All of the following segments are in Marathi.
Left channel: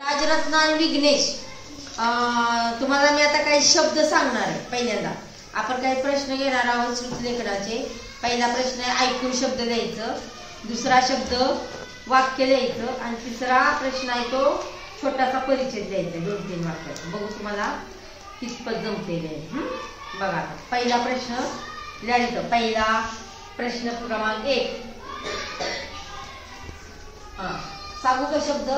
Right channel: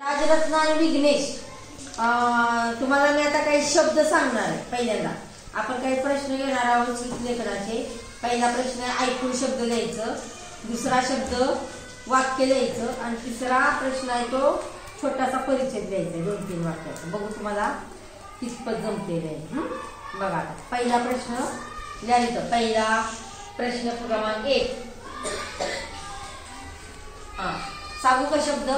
राजरत्न आणि विघ्नेश, तुम्हाला मी आता काही शब्द सांगणार आहे. पहिल्यांदा आपण काही प्रश्न घेणार आहोत श्रुतलेखनाचे. पहिला प्रश्न आहे ऐकून शब्द लिहायचं, दुसरा शब्द वाक्य लिहायचं आणि तिसरा प्रश्न आहे तो छोटासा परिचय द्यायचा 2-3 वाक्याचा. बघू तुम्हाला कितपत जमते आहे. बघा आता पहिला प्रश्न लिहायचं. पहिला प्रश्न क्रमांक 1. सांगू का शब्द?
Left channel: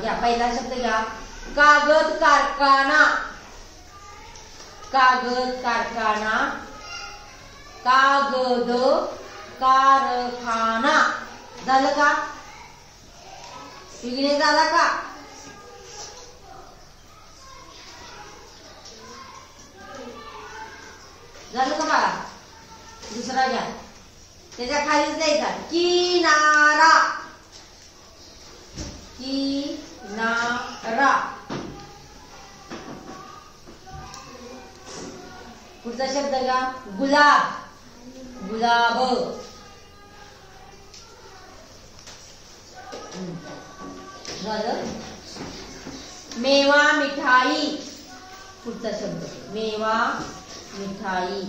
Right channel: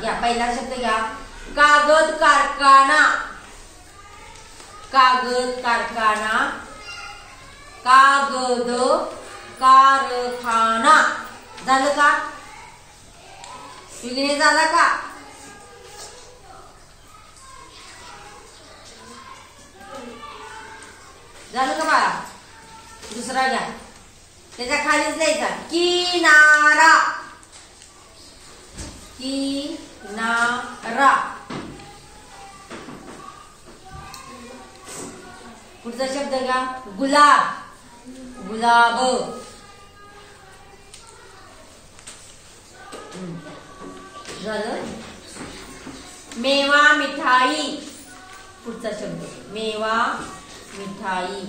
घ्या, पहिला शब्द घ्या. कागद कारखाना. कागद कारखाना. कागद कारखाना. झालं का? विघ्नेश झाला का? झालं का बाळा? दुसरा घ्या, त्याच्या खालीच लिहायचा किनारा. किनारा. पुढचा शब्द घ्या गुलाब. गुलाब. झालं. मेवा मिठाई. पुढचा शब्द मेवा मिठाई.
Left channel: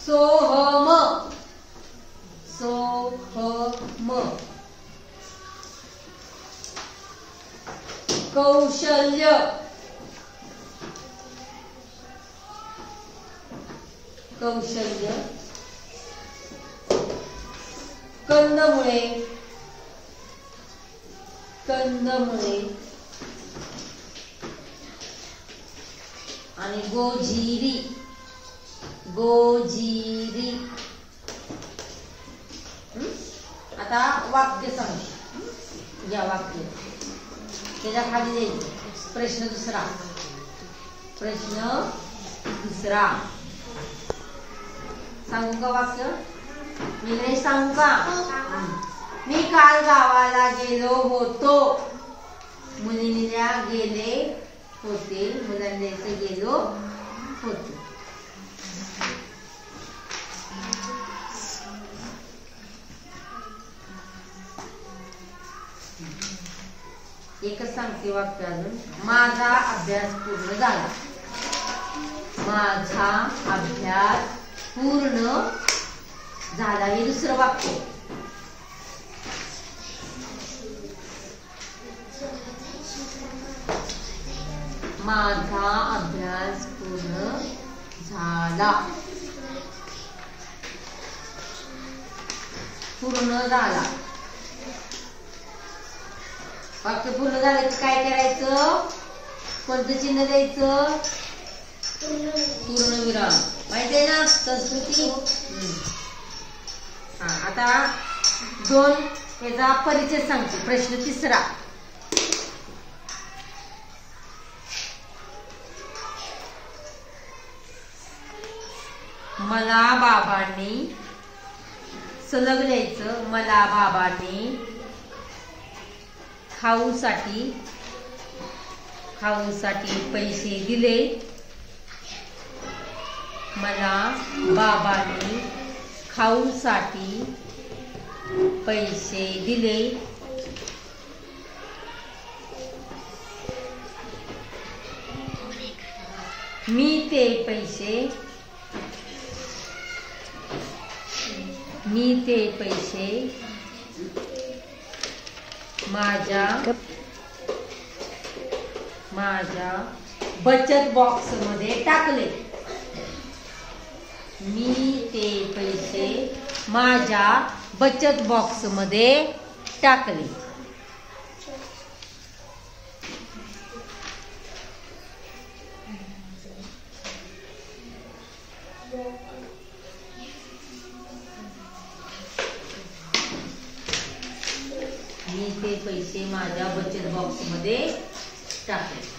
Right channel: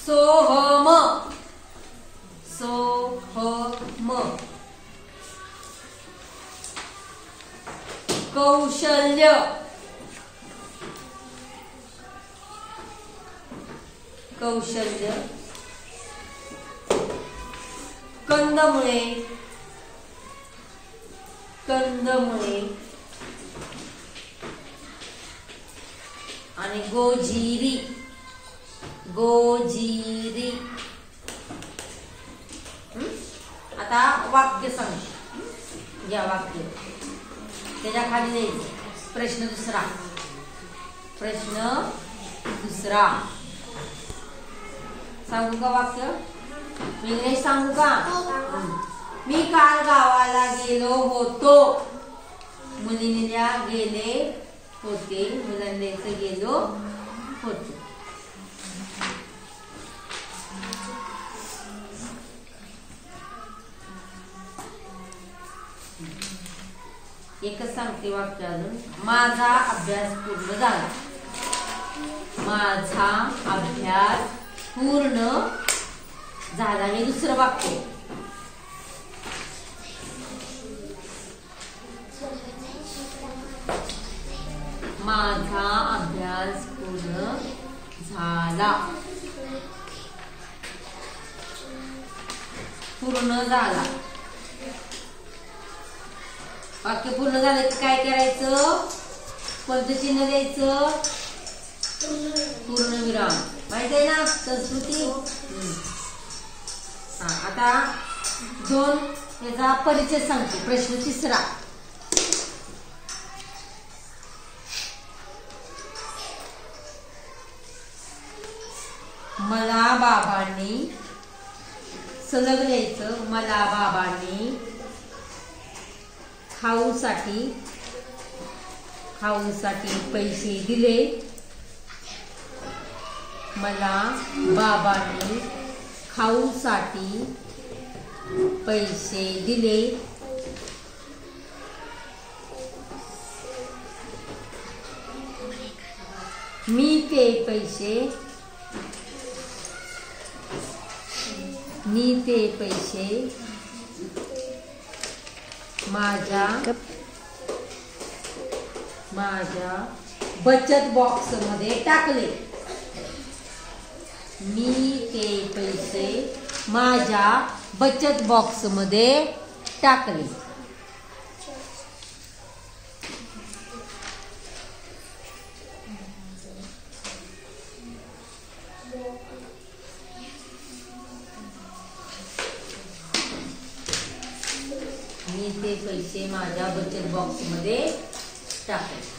सोहम. सोहम. कौशल्य. कौशल्य. कंदमुळे. कंदमुळे. आणि गोजिरी. गोजिरी. आता वाक्य सांग. या वाक्य त्याच्या खाली जायचं. प्रश्न दुसरा. प्रश्न दुसरा. सांगू का वाक्य? विघ्नेश सांगू का? मी काल गावाला गेलो होतो. मुलींना गेले होते. मुलांना गेलो होतो. एकच सांगते वाक्य अजून. माझा अभ्यास पूर्ण झाला. माझा अभ्यास पूर्ण झाला. हे दुसरं वाक्य. माझा अभ्यास पूर्ण झाला. पूर्ण झाला. वाक्य पूर्ण झाले की काय करायचं? कोणतं चिन्ह द्यायचं? पूर्णविराम. माहिती आहे ना संस्कृती? आता 2 याचा परिचय सांगतो. प्रश्न तिसरा. मला बाबांनी सलग लिहायचं. मला बाबांनी खाऊसाठी पैसे दिले. मला बाबांनी खाऊसाठी पैसे दिले. मी ते पैसे माझ्या बचत बॉक्स मध्ये टाकले. मी ते पैसे माझ्या बचत बॉक्स मध्ये टाकले. मी ते पैसे माझ्या बचत बॉक्स मध्ये टाकले.